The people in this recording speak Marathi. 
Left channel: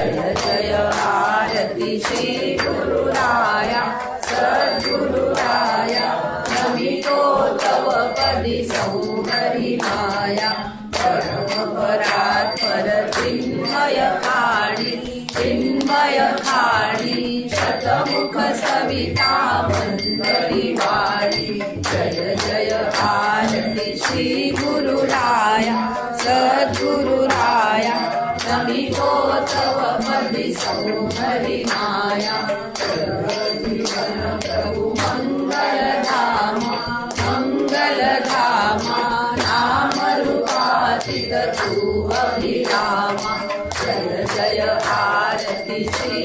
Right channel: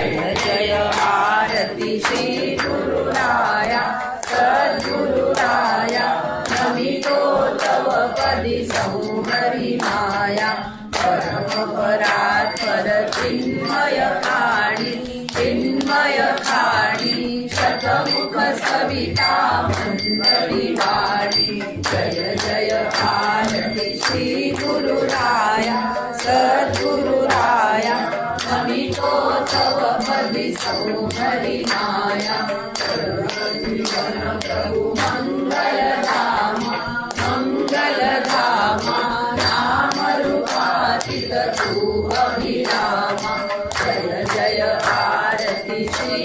जय जय आरती श्री गुरुराया सद्गुरुराया नमितो तव पदी सौहरी माया परमपरात्पर चिन्मय खाणी शतमुख सविता वंदती वाणी जय जय आरती श्री गुरुराया सद्गुरुराया नमितो तव पदी सौहरी माया प्रभु मंगलधामा नाम रूपातीत तू अभिरामा जय जय आरती श्री